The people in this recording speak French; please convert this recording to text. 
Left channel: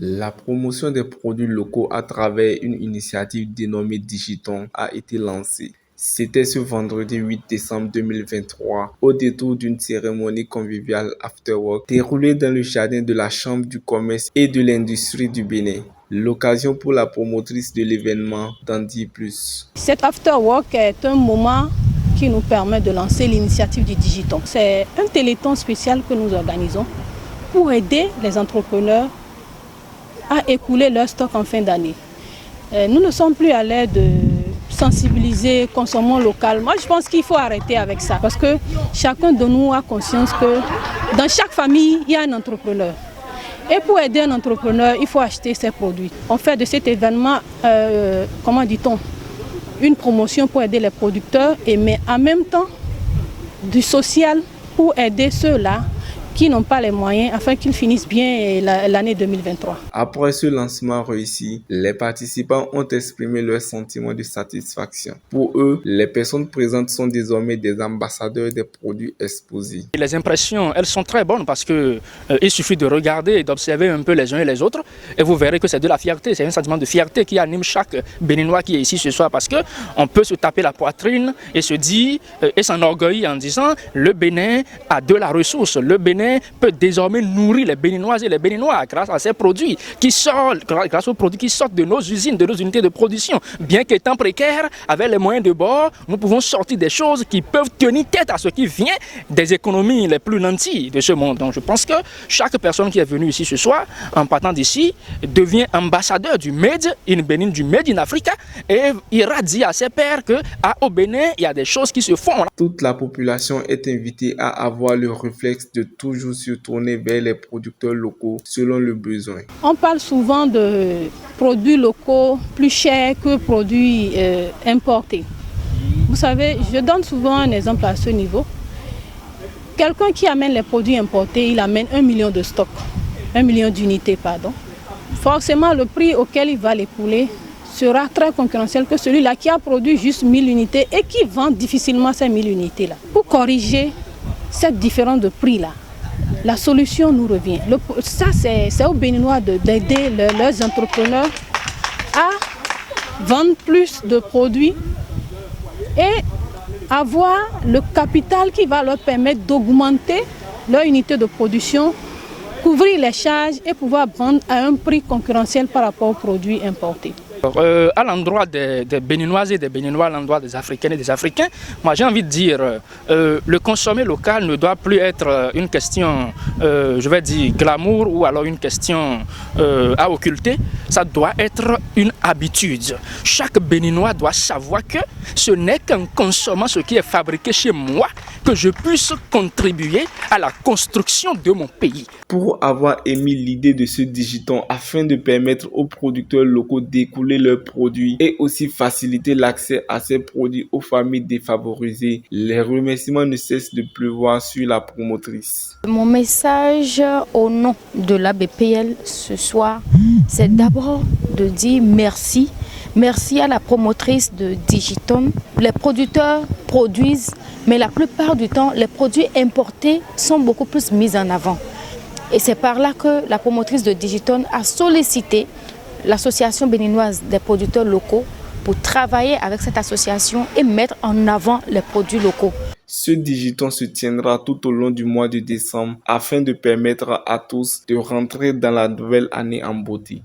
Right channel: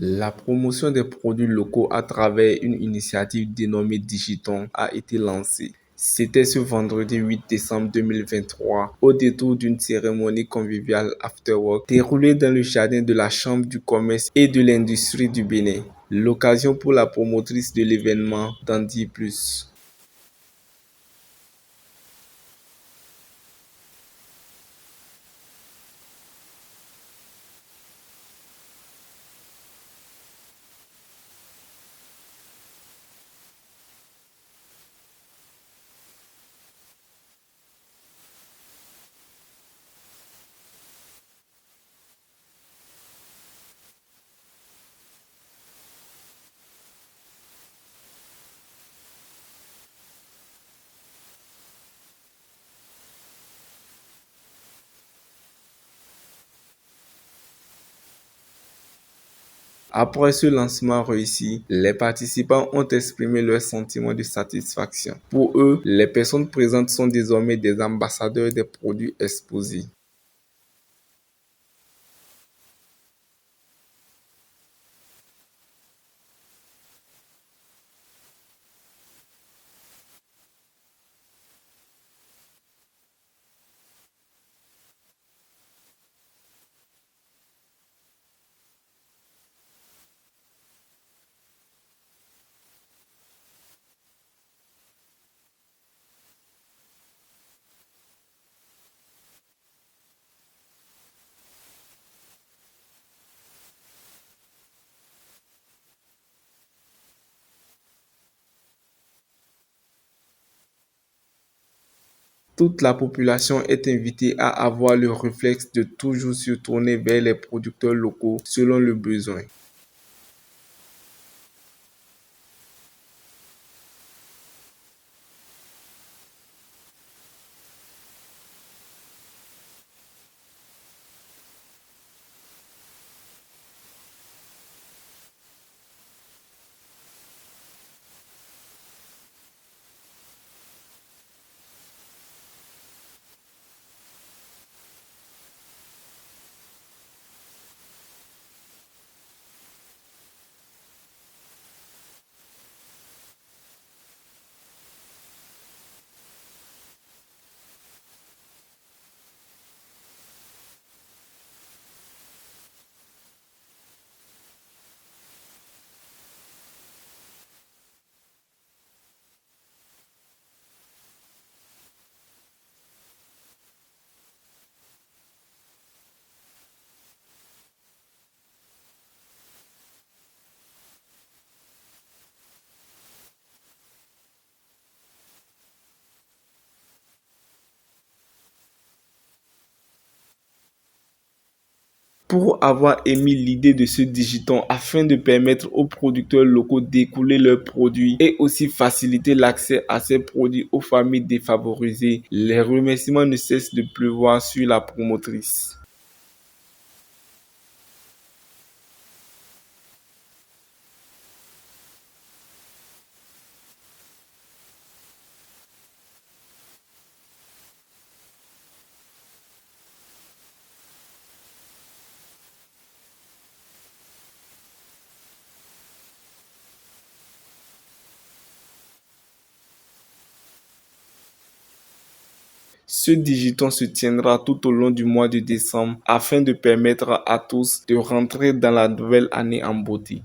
La promotion des produits locaux à travers une initiative dénommée Digiton a été lancée. C'était ce vendredi 8 décembre 2023, au détour d'une cérémonie conviviale after-work déroulée dans le jardin de la Chambre du commerce et de l'industrie du Bénin. L'occasion pour la promotrice de l'événement d'en dire plus. Cet after-work est un moment qui nous permet de lancer l'initiative du Digiton. C'est un téléthon spécial que nous organisons pour aider les entrepreneurs à écouler leur stock en fin d'année. Nous ne sommes plus à l'aide de sensibiliser, consommons local. Moi, je pense qu'il faut arrêter avec ça parce que chacun de nous a conscience que dans chaque famille, il y a un entrepreneur. Et pour aider un entrepreneur, il faut acheter ses produits. On fait de cet événement, comment dit-on, une promotion pour aider les producteurs, mais en même temps du social pour aider ceux-là qui n'ont pas les moyens afin qu'ils finissent bien l'année 2023. Après ce lancement réussi, les participants ont exprimé leur sentiment de satisfaction. Pour eux, les personnes présentes sont désormais des ambassadeurs des produits exposés. Les impressions, elles sont très bonnes parce que il suffit de regarder et d'observer un peu les uns et les autres et vous verrez que c'est de la fierté, c'est un sentiment de fierté qui anime chaque Béninois qui est ici ce soir parce que on peut se taper la poitrine et se dire et s'enorgueillir en disant le Bénin a de la ressource, le Bénin peut désormais nourrir les Béninoises et les Béninois grâce à ces produits qui sortent, grâce aux produits qui sortent de nos usines, de nos unités de production. Bien qu'étant précaires, avec les moyens de bord, nous pouvons sortir des choses qui peuvent tenir tête à ce qui vient des économies les plus nantis de ce monde. Donc je pense que chaque personne qui est venue ici ce soir, en partant d'ici, devient ambassadeur du Made in Bénin, du Made in Africa et ira dire à ses pairs qu'au Bénin, il y a des choses qui se font. Toute la population est invitée à avoir le réflexe de toujours se tourner vers les producteurs locaux selon le besoin. On parle souvent de produits locaux plus chers que produits importés. Vous savez, je donne souvent un exemple à ce niveau. Quelqu'un qui amène les produits importés, il amène 1 million de stocks, 1 million d'unités, pardon. Forcément, le prix auquel il va les pouler sera très concurrentiel que celui-là qui a produit juste 1000 unités et qui vend difficilement ces 1000 unités-là. Pour corriger cette différence de prix-là, la solution nous revient. Ça, c'est aux Béninois d'aider leurs entrepreneurs à vendre plus de produits et avoir le capital qui va leur permettre d'augmenter leur unité de production, couvrir les charges et pouvoir vendre à un prix concurrentiel par rapport aux produits importés. À l'endroit des Béninoises et des Béninois, à l'endroit des Africaines et des Africains, moi j'ai envie de dire le consommer local ne doit plus être une question, je vais dire, glamour ou alors une question à occulter. Ça doit être une habitude. Chaque Béninois doit savoir que ce n'est qu'en consommant ce qui est fabriqué chez moi que je puisse contribuer à la construction de mon pays. Pour avoir émis l'idée de ce Digiton afin de permettre aux producteurs locaux d'écouler leurs produits et aussi faciliter l'accès à ces produits aux familles défavorisées, les remerciements ne cessent de pleuvoir sur la promotrice. Mon message au nom de la BPL ce soir, c'est d'abord de dire merci. Merci à la promotrice de Digiton. Les producteurs produisent, mais la plupart du temps, les produits importés sont beaucoup plus mis en avant. Et c'est par là que la promotrice de Digiton a sollicité l'association béninoise des producteurs locaux pour travailler avec cette association et mettre en avant les produits locaux. Ce Digiton se tiendra tout au long du mois de décembre afin de permettre à tous de rentrer dans la nouvelle année en beauté.